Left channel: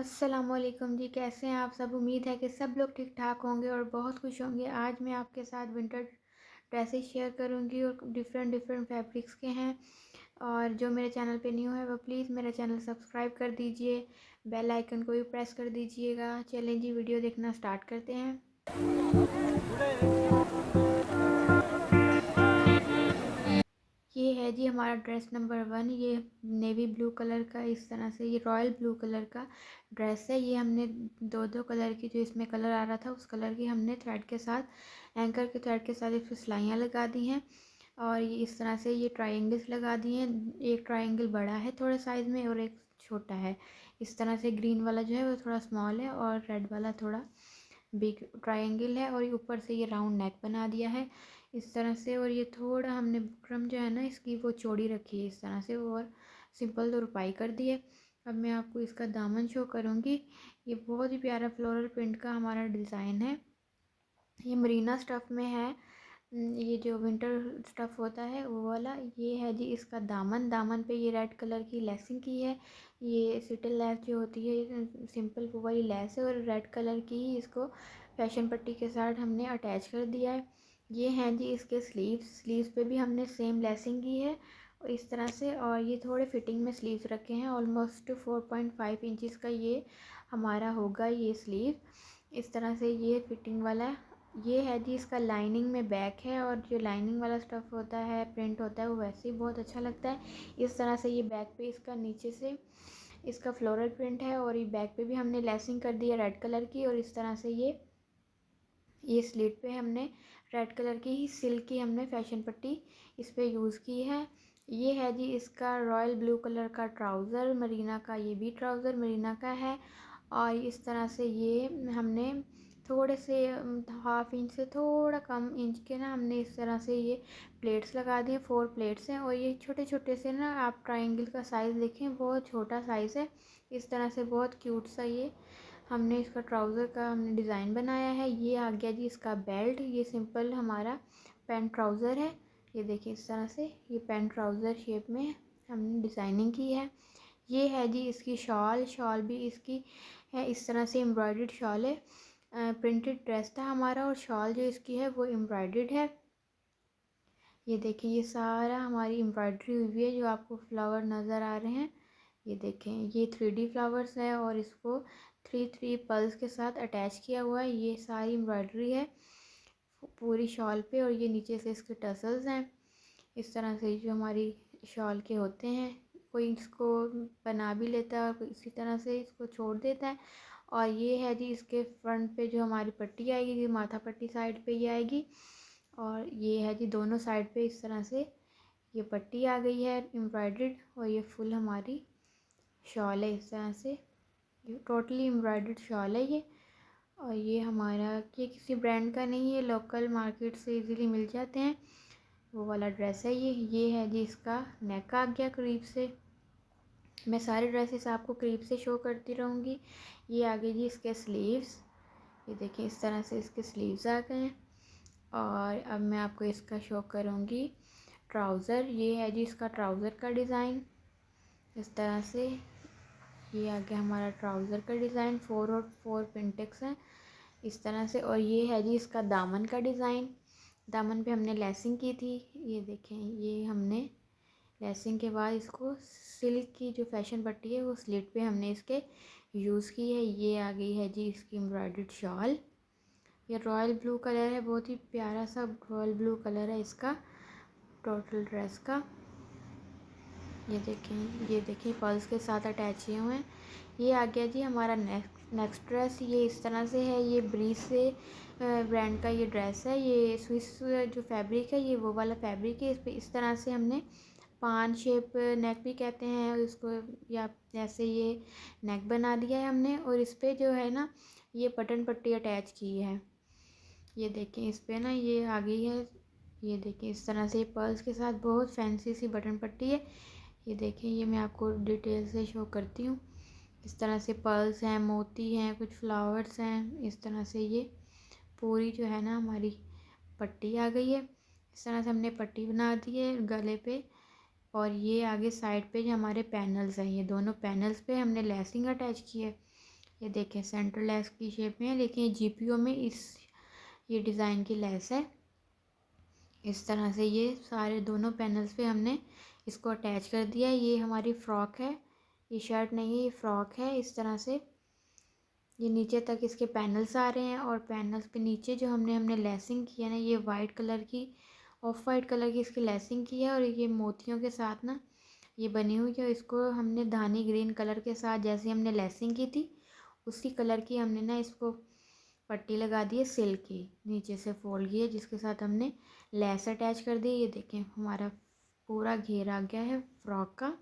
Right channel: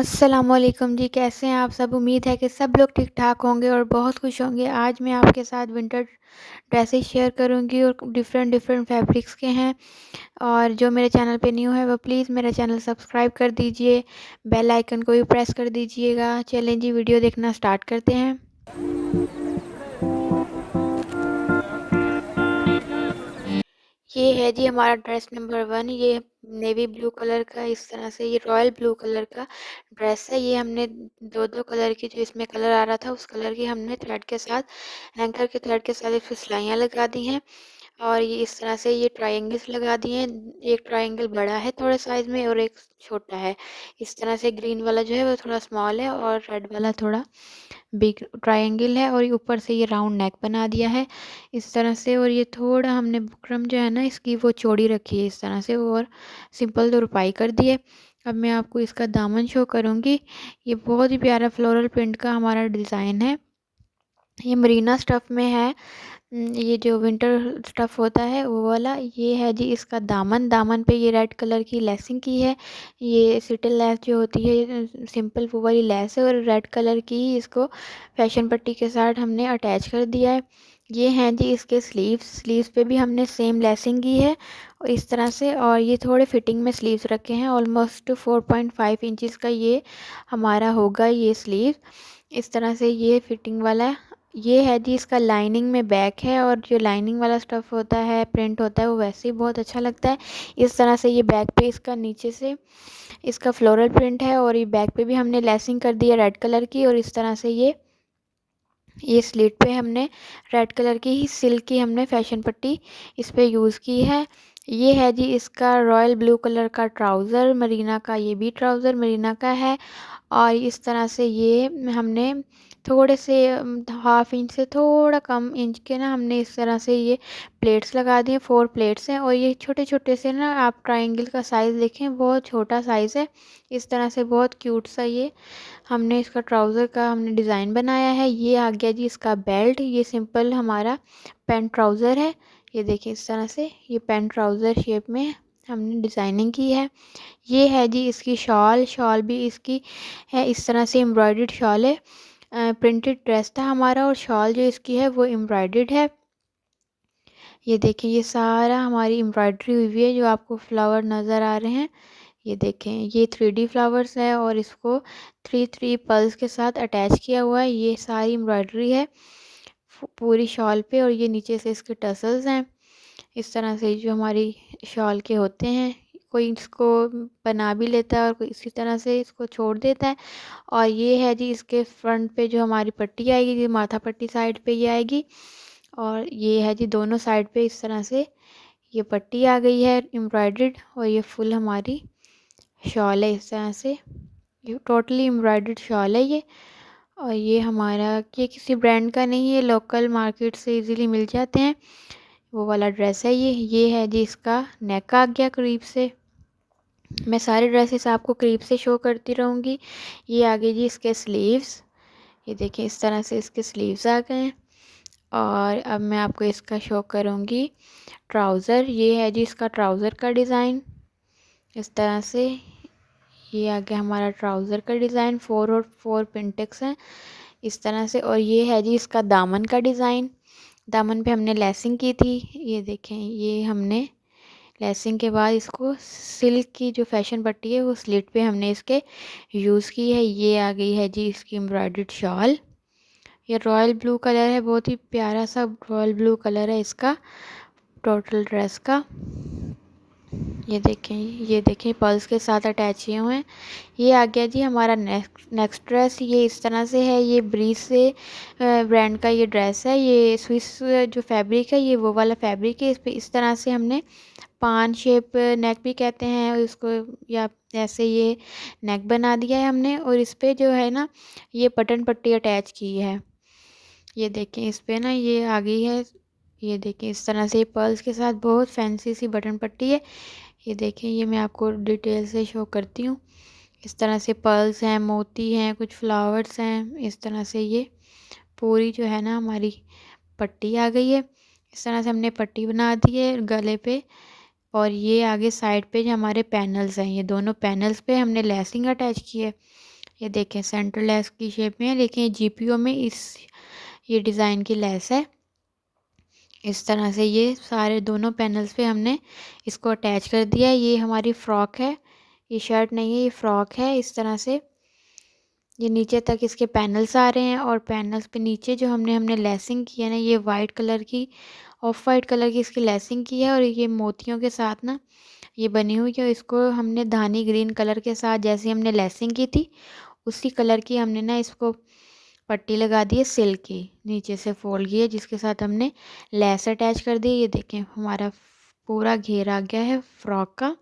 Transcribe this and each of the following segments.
अस्सलामुअलैकुम जी, कैसे हैं आप सब? उम्मीद है कि सब लोग ठीक-ठाक होंगे और बहुत खुश होंगे। आज मैं आपके साथ विंटर ड्रेसेस शेयर करूंगी और डिफरेंट डिफरेंट फैब्रिक्स के हैं। और जो मेरे चैनल पे न्यू है वो प्लीज़ मेरा चैनल सब्सक्राइब कर दीजिए, बेल आइकन को भी प्रेस कर दीजिएगा। चलें जी, वीडियो देखना स्टार्ट करते हैं। ये है जी हमारा ड्रेस नंबर 1। ये नेवी ब्लू कलर का, इस तरह से ये रॉयल ब्लू कलर का ड्रेस है। ये हमने दो दो कलर की, जो इसमें कलर आ रहा था उस कलर की हमने थ्रेड के साथ, एंकर के थ्रेड के साथ इसमें सिलाइयाँ लगा दी हैं। और ये इस तरह से ये ट्रायंगल्स लगा दिए हैं। एक ट्रायंगल बड़ा है थोड़े साइज में और एक छोटा है। इस तरह से ग्रीन वाला जो है वो थोड़ा स्मॉल है और रेड वाला थोड़ा बिग ट्रायंगल है। और ये ऊपर से ये राउंड नेक बना दिया है इस तरह से। और ये थोड़ा हमने बुकरम जो है ना इसकी वो चौड़ी रखी है इस तरह से, और सिंपल तो रुपाई कर दी है। अब मैं आपको इसका दामन शो करूँगी। ये बहुत ही प्यारा फ्लोरल प्रिंट का हमारा डिज़ाइन है। ये मरीना स्टफ़ में है। ये जो विंटर स्टफ़ होता है वो वाला ये है जी इसका दामन। दामन पे ये रेड कलर की लेसिंग की है। ये सिटल लेस जो होती है, सिंपल वो वाली लेस है, और रेड कलर की ही इसको फैशन पट्टी के साथ हमने अटैच कर दिया है। ये हैं जी इसके स्लीव्स। स्लीव्स पे भी हमने सेम लेसिंग की है और इस तरह से। और ये थोड़े फिटिंग में स्लीव्स रखे हैं। ऑलमोस्ट 4.5 इंचज़ का ये हमारा होगा ये स्लीव। इस तरह से ये फिटिंग वाला है। ये है जी इसका लाइनिंग में बैक है, और जो लाइनिंग वाला स्टफ़ होता है, प्रिंट होता है, वो वैसे ही बहुत अच्छा लगता है। इस तरह से ये बैक पे इसका नीचे से इसका फ्लोरल प्रिंट है, और ये बैक पे भी हमने लेसिंग कर दी है रेड कलर की। और इस तरह से ये स्लीट पे हमने रेड कलर की ही सिल्क की हमने फैशन पट्टी इस पे यूज़ की है। ये है जी इसका रॉयल ब्लू कलर का ट्राउज़र मरीना का। ये भी ट्राउज़र मरीना का है। और इस तरह से ये हमने थोड़े से 1/2 इंच से थोड़ा कम इंच के ना हमने इस तरह से ये प्लेट्स लगा दिए। 4 प्लेट्स हैं, और ये छोटे छोटे से ना, आप ट्रायंगल का साइज़ देखें बहुत छोटा साइज़ है। इस तरह से बहुत क्यूट सा ये हमने इसका ट्राउज़र का हमने डिज़ाइन बनाया है। ये आ गया जी इसका बेल्ट। ये सिंपल हमारा पैंट ट्राउज़र है। ये देखिए इस तरह से ये पैंट ट्राउज़र शेप में हमने डिज़ाइनिंग की है। ये है जी इसकी शॉल। शॉल भी इसकी है इस तरह से, एम्ब्रॉयडर्ड शॉल है। प्रिंटेड ड्रेस था हमारा, और शॉल जो इसकी है वो एम्ब्रॉयडर्ड है। ये देखिए ये सारा हमारी एम्ब्रॉयडरी हुई हुई है, जो आपको फ्लावर नज़र आ रहे हैं। ये देखें ये 3D फ्लावर्स है, और इसको 3 पल्स के साथ अटैच किया हुआ है। ये सारी एम्ब्रॉयडरी है पूरी शॉल पे। और ये नीचे से इसके टसल्स हैं इस तरह से, जो हमारी शॉल के होते हैं। कोई इसको बना भी लेता है और कोई इसी तरह से इसको छोड़ देता है। और ये है जी इसके फ्रंट पे जो हमारी पट्टी आएगी, जी माथा पट्टी साइड पे ये आएगी। और ये है जी दोनों साइड पे इस तरह से ये पट्टी आ गई है एम्ब्रॉयडर्ड। और ये फुल हमारी शॉल है इस तरह से। ये टोटली एम्ब्रॉयडर्ड शॉल है ये। और ये हमारा, ये किसी ब्रांड का नहीं है, लोकल मार्केट से इजीली मिल जाते हैं, वो वाला ड्रेस है ये है जी इसका नेक आ गया करीब से। मैं सारे ड्रेसेस आपको करीब से शो करती रहूँगी। ये आगे जी इसके स्लीव्स। ये देखिए इस तरह से इसके स्लीव्स आ गए हैं। और अब मैं आपको इसका शो करूँगी ट्राउज़र। ये है जी इसका ट्राउज़र का डिज़ाइन इस तरह से। ये आ गया हमारा ट्राउज़र का डिज़ाइन। 4 और 4 पिंटेक्स हैं इस तरह से। और ये है जी इसका दामन का डिज़ाइन। दामन पे हमने लेसिंग की थी। ये देखें ये हमने लेसिंग के बाद इसको सिल्क की जो फैशन पट्टी है वो स्लिट पे हमने इसके यूज़ की है। ये आ गई है जी इसकी एम्ब्रॉयडर्ड शॉल। ये रॉयल ब्लू कलर है, बहुत ही प्यारा सा रॉयल ब्लू कलर है इसका टोटल ड्रेस का। ये देखें पर्ल्स के साथ अटैच किए हुए हैं। ये आ गया जी हमारा नेक्स्ट ड्रेस। ये इस तरह से है। ये ब्रीज से ब्रांड का ये ड्रेस है। ये स्विस जो फैब्रिक है ये वो वाला फैब्रिक है। इस पे इस तरह से हमने पान शेप नेक भी कहते हैं इसको, या ऐसे ये नेक बना दिया है हमने। और इस पे जो है ना ये बटन पट्टी अटैच की है। ये देखें इस पे ना ये आ गई है। ये देखें इस तरह से पर्ल्स के साथ बहुत फैंसी सी बटन पट्टी है। ये देखें ये मैं आपको डिटेल से शो करती हूँ। इस तरह से पर्ल्स हैं, मोती हैं, कुछ फ्लावर्स हैं। इस तरह से ये पूरी जो है ना हमारी पट्टी आ गई है। इस तरह से हमने पट्टी बना दी है गले पे। और ये आगे साइड पे जो हमारे पैनल्स हैं, ये दोनों पैनल्स पे हमने लेसिंग अटैच की है। ये देखें सेंटर लेस की शेप में है, लेकिन ये जीपीओ में ये डिज़ाइन की लेस है। इस तरह से ये सारे दोनों पैनल्स पे हमने इसको अटैच कर दिया है। ये हमारी फ़्रॉक है, ये शर्ट नहीं है, ये फ़्रॉक है। इस तरह से ये नीचे तक इसके पैनल्स आ रहे हैं, और पैनल्स पे नीचे जो हमने लेसिंग की है ना, ये वाइट कलर की, ऑफ वाइट कलर की इसकी लेसिंग की है, और ये मोतियों के साथ ना ये बनी हुई है। इसको हमने धानी ग्रीन कलर के साथ जैसे हमने लेसिंग की थी उसी कलर की हमने ना इसको पट्टी लगा दी है सिल्क की, नीचे से फोल्ड की है, जिसके साथ हमने लेस अटैच कर दी। ये देखें हमारा पूरा घेर आ गया है फ्रॉक का।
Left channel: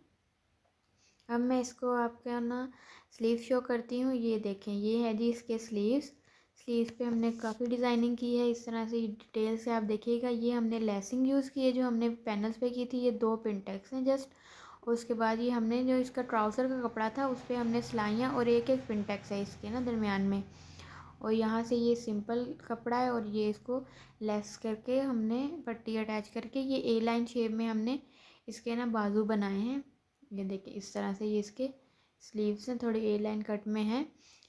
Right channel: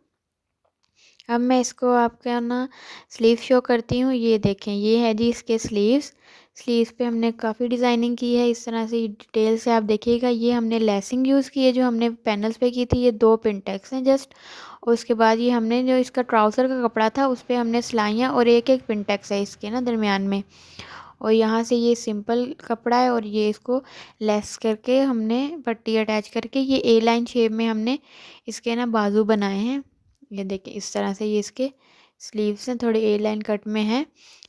अब मैं इसको आपका ना स्लीव शो करती हूँ। ये देखें ये है जी इसके स्लीव्स पे हमने काफ़ी डिज़ाइनिंग की है। इस तरह से डिटेल से आप देखिएगा। ये हमने लेसिंग यूज़ की है जो हमने पैनल्स पे की थी। ये 2 पिनटेक्स हैं जस्ट, और उसके बाद ये हमने जो इसका ट्राउज़र का कपड़ा था उस पर हमने सिलाइयाँ, और एक एक पिनटेक्स है इसके ना दरमियान में। और यहाँ से ये सिंपल कपड़ा है, और ये इसको लेस करके हमने पट्टी अटैच करके ये ए लाइन शेप में हमने इसके ना बाजू बनाए हैं। ये देखिए इस तरह से ये इसके स्लीव्स हैं, थोड़े ए लाइन कट में है।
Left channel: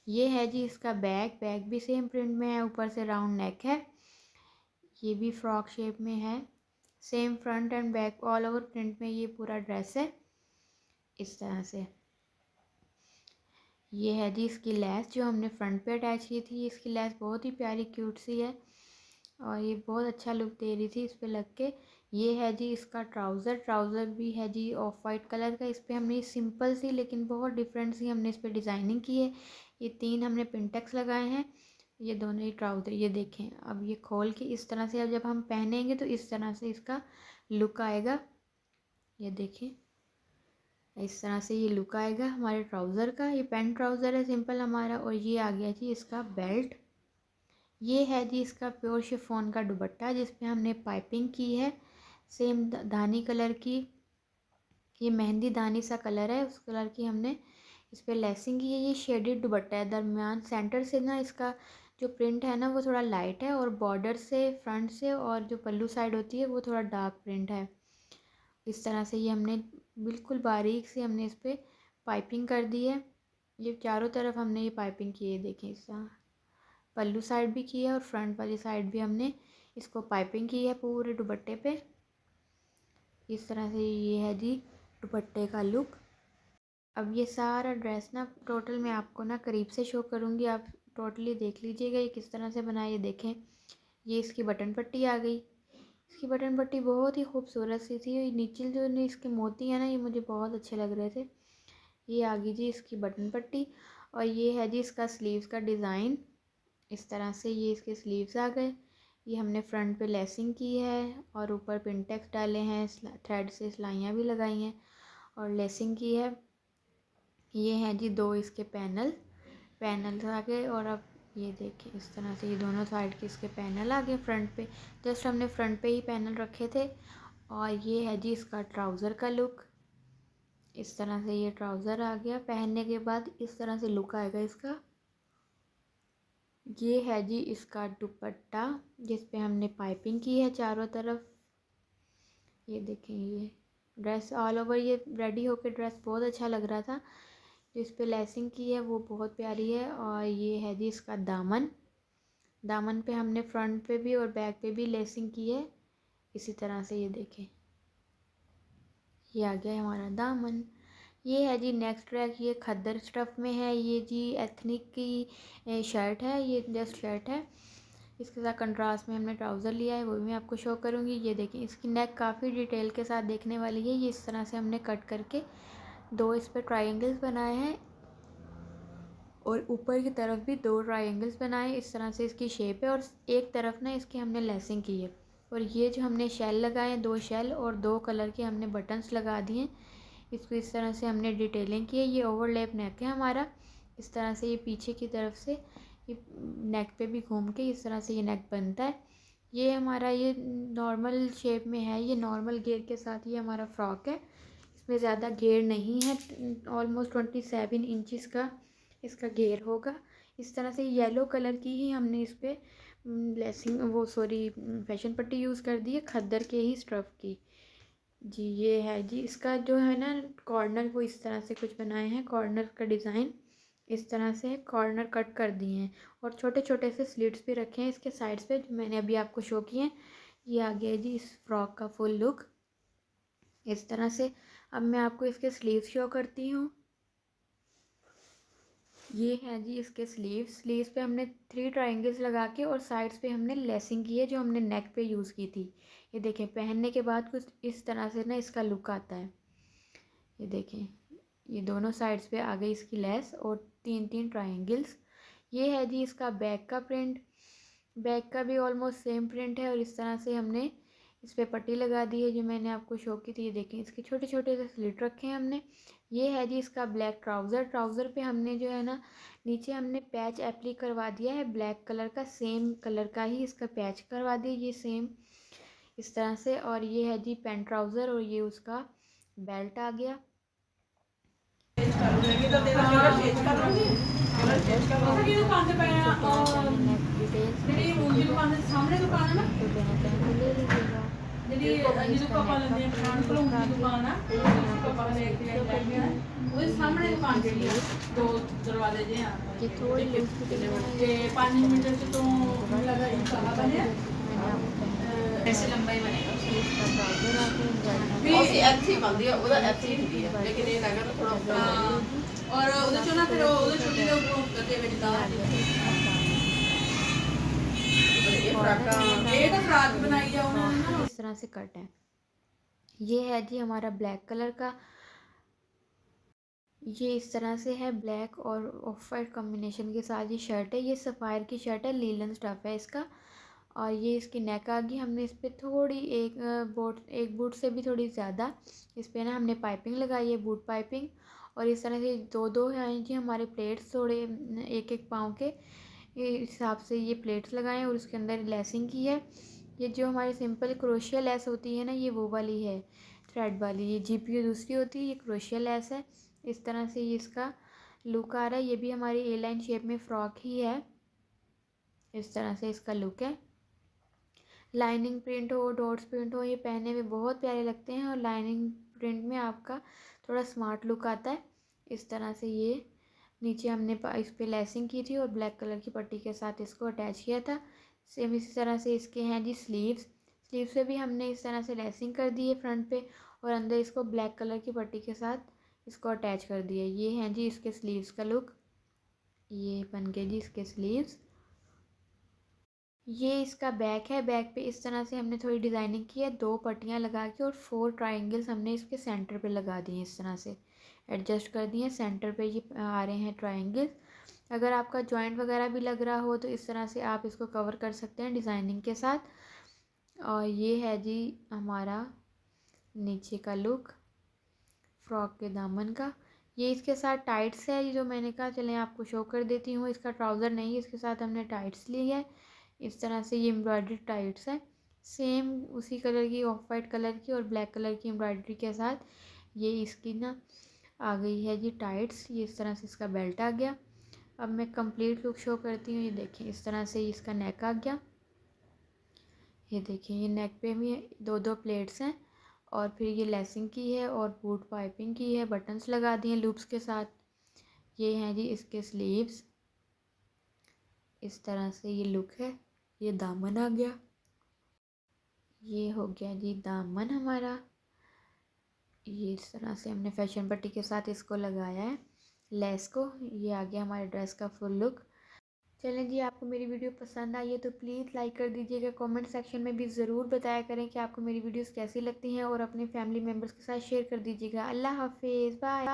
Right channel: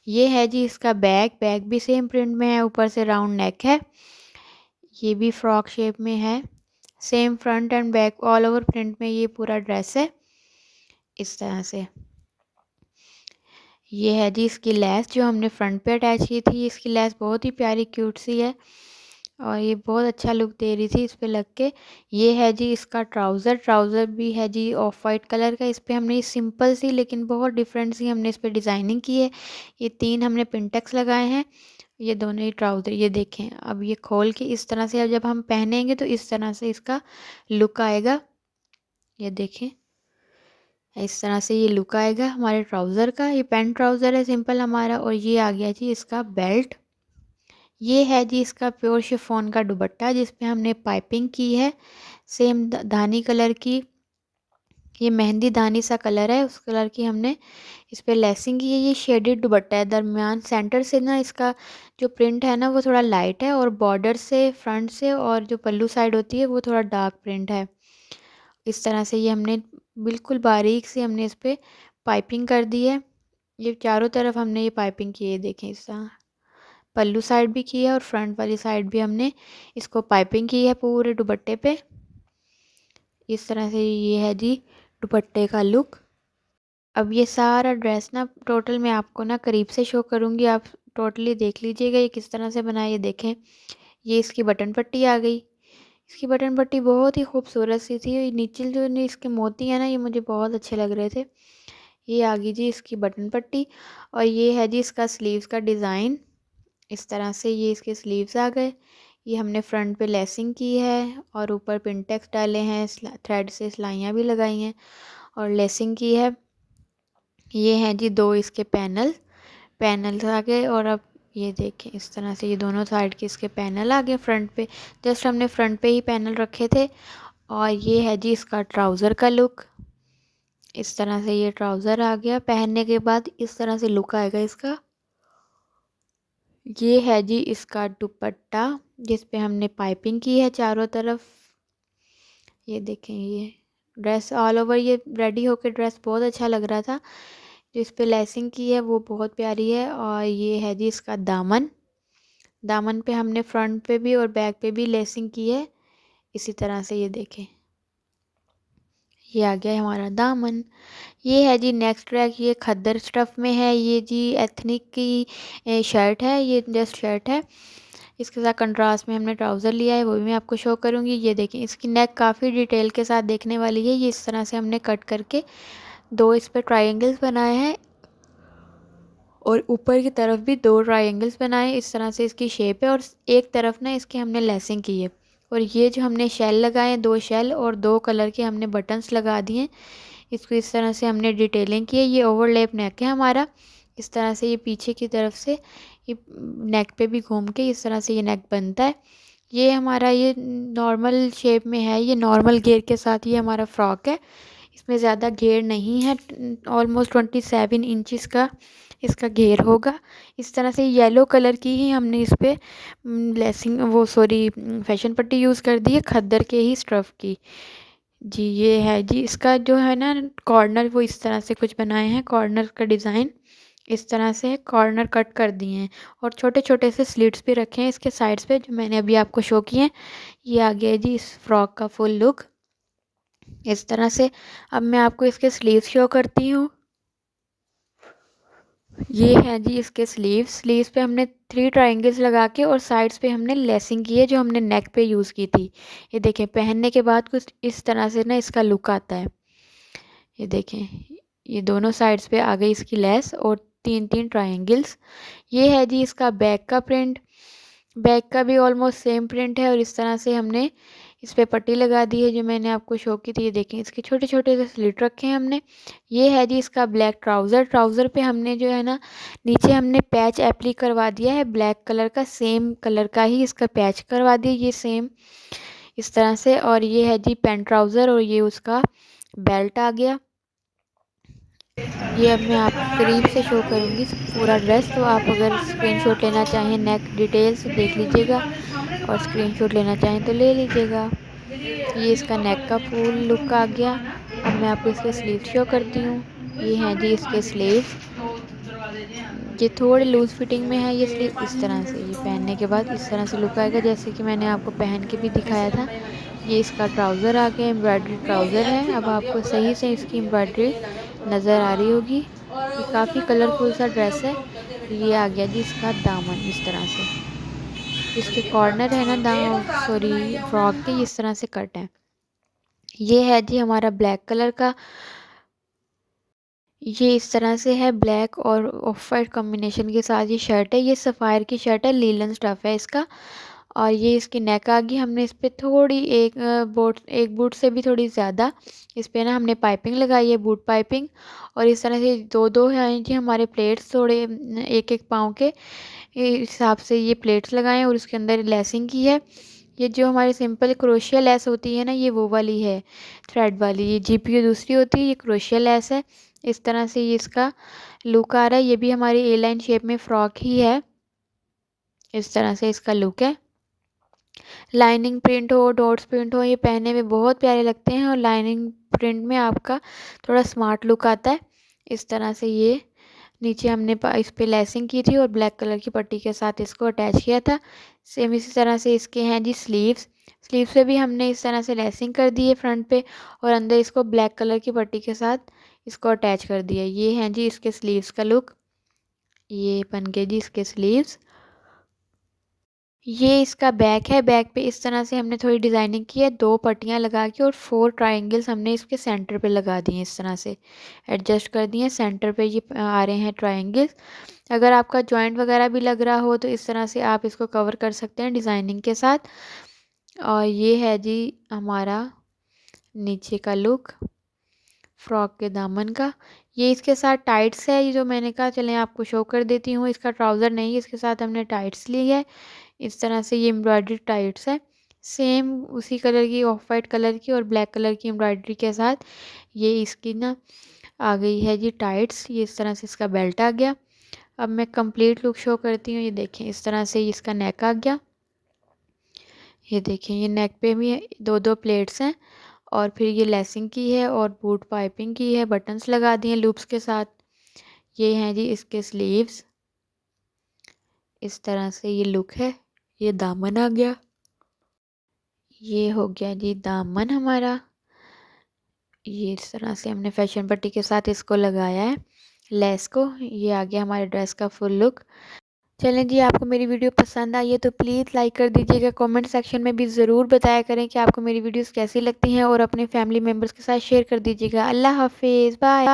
ये है जी इसका बैग भी सेम प्रिंट में है, ऊपर से राउंड नेक है। ये भी फ्रॉक शेप में है, same front end back all over print में ये पूरा ड्रेस है। इस तरह से ये है जी इसकी लेस जो हमने फ्रंट पे अटैच की थी। इसकी लेस बहुत ही प्यारी क्यूट सी है, और ये बहुत अच्छा लुक दे रही थी इस पे लग के। ये है जी इसका ट्राउज़र भी है जी ऑफ वाइट कलर का। इस पे हमने सिंपल सी लेकिन बहुत डिफरेंट सी हमने इस पे डिज़ाइनिंग की है। ये 3 हमने पिंटेक्स लगाए हैं, ये दोनों ही ट्राउज़र। ये देखें अब ये खोल के इस तरह से अब जब हम पहनेंगे तो इस तरह से इसका लुक आएगा। ये देखें इस तरह से ये लुक आएगा हमारे ट्राउज़र का। ये पैंट ट्राउज़र है सिंपल हमारा, और ये आ गया जी इसका बेल्ट। ये है जी इसका प्योर शिफॉन का दुपट्टा जिस पे हमने पाइपिंग की है, सेम धानी कलर की। ये मेहंदी धानी सा कलर है, उस कलर की हमने इस पे लेसिंग की है। ये शेडेड दुपट्टा है, दरमियान सेंटर से ना इसका जो प्रिंट है ना वो थोड़ा लाइट है, और बॉर्डर से फ्रंट से और जो पल्लू साइड होती है वो थोड़ा डार्क प्रिंट है। इस तरह से ये हमने बिल्कुल बारीक से हमने इस पे पाइपिंग कर दी है। ये चारों तरफ हमने ये पाइपिंग की है, देखें इस तरह पल्लू साइड भी की है, और फ्रंट वाली साइड भी हमने इसको पाइपिंग की है पूरे दुपट्टे पे। इस तरह से ये है जी दुपट्टे का लुक। अब ये सारा ड्रेस ना टोटल मैं आपको ना करीब से शो करूँगी, आप टोटली देख लीजिएगा ये किस तरह से बनाया। ये देखें ये इसकी बटन पट्टी आ गई। इसकी बटन पट्टी बहुत ही खूबसूरत सी थी। ये नीचे जो इसके मोती हैं ना ये मुझे बहुत अच्छे लग रहे थे। ये आ गई जी इसकी बटन पट्टी, और ये है जी इसका स्लीव्स का डिज़ाइन। इस तरह से ये इसके स्लीव्स आ गए। ये हमने फ्रंट पे लेसिंग की है, और ऊपर पिनटेक्स डाले हैं, थ्रेड से सिलाइयाँ भी लगाई हैं और लेसिंग की है। ये हैं जी 2 इसके पैनल्स आ गए। और अब ये देखें इस तरह से ये दोनों साइड के इसके पैनल आ गए फ्रंट पे। जस्ट हमने फ्रंट पे ही पैनल रखे थे। और ये है जी इसका ट्राउज़र का लुक। इस तरह से ये ट्राउज़र आ गया, पहनने के बाद इस तरह से लुक आएगा इसका। ये है जी इसका दुपट्टा जिस पे हमने पाइपिंग की है चारों तरफ। ये देखें ये ड्रेस ऑल ओवर ये रेडी होके ड्रेस बहुत अच्छा लग रहा था। जिस पे लेसिंग की है वो बहुत प्यारी है। और ये है जी इसका दामन पे हमने फ्रंट पे भी और बैक पे भी लेसिंग की है इसी तरह से। ये देखें ये आ गया है हमारा दामन। ये है जी नेक्स्ट ट्रैक, ये खद्दर स्टफ़ में है। ये जी एथनिक की शर्ट है, ये जस्ट शर्ट है। इसके साथ कंट्रास्ट में हमने ट्राउज़र लिया है, वो भी मैं आपको शो करूँगी। ये देखें इसकी नेक काफ़ी डिटेल के साथ देखने वाली है। ये इस तरह से हमने कट करके 2 इस पर ट्रायंगल्स बनाए हैं, और ऊपर की तरफ भी 2 ट्रायंगल्स बनाए। इस तरह से इसकी शेप है, और एक तरफ ना इसकी हमने लेसिंग की है। और ये जो हमने शेल लगाए हैं 2 शेल, और 2 कलर के हमने बटन्स लगा दिए हैं। इसको इस तरह से हमने डिटेलिंग की है। ये ओवरलैप नेक है हमारा। इस तरह से ये पीछे की तरफ से ये नेक पे भी घूम के इस तरह से ये नेक बनता है। ये हमारा ये नॉर्मल शेप में है, ये नॉर्मल घेर के साथ ये हमारा फ्रॉक है। इसमें ज़्यादा घेर नहीं है, ऑलमोस्ट 27 इंचज़ का इसका घेर होगा। इस तरह से येलो कलर की ही हमने इस पे लेसिंग वो सॉरी फैशन पट्टी यूज़ कर दी है, खद्दर के ही स्टफ़ की। जी ये है जी, इसका जो है ना कॉर्नर वो इस तरह से कुछ बनाए हैं, कॉर्नर का डिज़ाइन इस तरह से है, कॉर्नर कट कर दिए हैं और छोटे छोटे से स्लिट्स भी रखे हैं इसके साइड्स पे जो मैंने अभी आपको शो किए हैं। ये आ गया है जी इस फ्रॉक का फुल लुक इस तरह से। अब मैं आपको इसके स्लीव्स शो करती हूँ। ये है जी इसके स्लीव्स। स्लीव्स पे हमने 3 ट्रायंगल्स लगा के और साइड्स पे हमने लेसिंग की है जो हमने नेक पे यूज़ की थी। ये देखें पहनने के बाद कुछ इस तरह से ना इसका लुक आता है। ये देखें, ये दोनों साइड्स पे आ गई इसकी लेस और 3 3 ट्रायंगल्स। ये है जी इसका बैक का प्रिंट। बैक का भी ऑलमोस्ट सेम प्रिंट है और इस तरह से हमने इस पे पट्टी लगा दी है जो मैंने आपको शो की थी। ये देखें इसके छोटे छोटे से स्लिट रखे हैं हमने। ये है जी इसका ब्लैक ट्राउज़र। ट्राउज़र पे हमने जो है ना नीचे हमने पैच एप्ली करवा दिया है ब्लैक कलर का, सेम कलर का ही इसका पैच करवा दिया ये सेम इस तरह से। और ये है जी पैंट ट्राउज़र और ये उसका बेल्ट आ गया। ये अब मैं आपको करीब से शो करूँगी पूरा ड्रेस, तो आप अगर स्क्रीनशॉट लेना चाहें नेक डिटेल्स देख लीजिएगा और स्क्रीनशॉट लेना चाहें तो ले लीजिएगा। ये इसका नेक का फुल लुक आ गया। अब मैं आपको इसके स्लीव शो करती हूँ। ये हैं जी इसके स्लीव्स। ये थोड़े लूज़ फिटिंग में है ये स्लीव इस तरह से। ये पहनने के बाद इस तरह से लुक आएगा जैसे कि मैंने आपको पहन के भी दिखाया था। ये इसका ट्राउज़र आ गया, एम्ब्रॉयडरी ट्राउज़र है। अब आपको सही से इसकी एम्ब्रॉयडरी नज़र आ रही होगी। ये काफ़ी कलरफुल सा ड्रेस है। ये आ गया जी इसका दामन इस तरह से। इसके कॉर्नर है ना सॉरी फ्रॉक के इस तरह से कट है। ये है जी हमारा ब्लैक कलर का। ये इस तरह से है ब्लैक और ऑफ वाइट कॉम्बिनेशन के साथ ये शर्ट है। ये सफ़ायर की शर्ट है, लीलन स्टफ़ है इसका। और ये इसकी नेक आ गई। हमने इस पे थोड़ी एक बूट से भी थोड़ी ज़्यादा इस पे ना हमने पाइपिंग लगाई है, बूट पाइपिंग। और इस तरह से दो दो हैं जी हमारे प्लेट्स, थोड़े एक एक पाँव के हिसाब से ये प्लेट्स लगाए हैं और उसके अंदर लेसिंग की है। ये जो हमारी सिंपल क्रोशिया लेस होती है ना ये वो वाली है, थ्रेड वाली। ये जीपीयू दूसरी होती है, ये क्रोशिया लेस है। इस तरह से ये इसका लुक आ रहा है। ये भी हमारी ए लाइन शेप में फ्रॉक ही है। इस तरह से इसका लुक है। लाइनिंग प्रिंट हो, डॉट्स प्रिंट हो, ये पहनने में बहुत प्यारे लगते हैं और लाइनिंग प्रिंट में आपका थोड़ा स्मार्ट लुक आता है। इस तरह से ये नीचे हमने इस पे लेसिंग की थी और ब्लैक कलर की पट्टी के साथ इसको अटैच किया था। सेम इसी तरह से इसके हैं जी स्लीव्स। स्लीव्स पे भी हमने इस तरह से लेसिंग कर दी है फ्रंट पे और अंदर इसको ब्लैक कलर की पट्टी के साथ इसको अटैच कर दिया। ये हैं जी इसके स्लीव्स का लुक। ये बन गए जी इसके स्लीव्स। ये इसका बैक है। बैक पे इस तरह से हमने थोड़ी डिज़ाइनिंग की है, 2 पट्टियाँ लगा के और 4 ट्रायंगल्स हमने इसके सेंटर पे लगा दिए, इस तरह से एडजस्ट कर दिए। सेंटर पे ये आ रहे हैं ट्रायंगल्स। अगर आपका जॉइंट वगैरह भी लग रहा हो तो इस तरह से आप इसको कवर कर सकते हैं डिज़ाइनिंग के साथ। और ये है जी हमारा नीचे का लुक फ्रॉक के दामन का। ये इसके साथ टाइट्स है, ये जो मैंने कहा चलें आपको शो कर देती हूँ। इसका ट्राउज़र नहीं, इसके साथ हमने टाइट्स ली है। इस तरह से ये एम्ब्रॉयडरी टाइट्स है, सेम उसी कलर की, ऑफ वाइट कलर की और ब्लैक कलर की एम्ब्रॉयडरी के साथ ये इसकी ना आ गई है जी टाइट्स। ये इस तरह से इसका बेल्ट आ गया। अब मैं कंप्लीट लुक शो करती हूँ। ये देखें इस तरह से इसका नेक आ गया। ये देखें ये नेक पे भी 2 2 प्लेट्स हैं और फिर ये लेसिंग की है और बूट पाइपिंग की है, बटन्स लगा दिए लूप्स के साथ। ये हैं जी इसके स्लीव्स। इस तरह से ये लुक है। ये दामन आ गया। ये हो गया जी दामन हमारा। ये इस तरह से हमने फैशन पट्टी के साथ इसको लगाया है लेस को। ये आ गया हमारे ड्रेस का फुल लुक। चलें जी, आपको मेरी वीडियो पसंद आई है तो प्लीज़ लाइक कर दीजिएगा। कमेंट सेक्शन में भी ज़रूर बताया करें कि आपको मेरी वीडियोस कैसी लगती हैं और अपने फैमिली मेम्बर्स के साथ शेयर कर दीजिएगा। अल्लाह हाफिज़, बाय।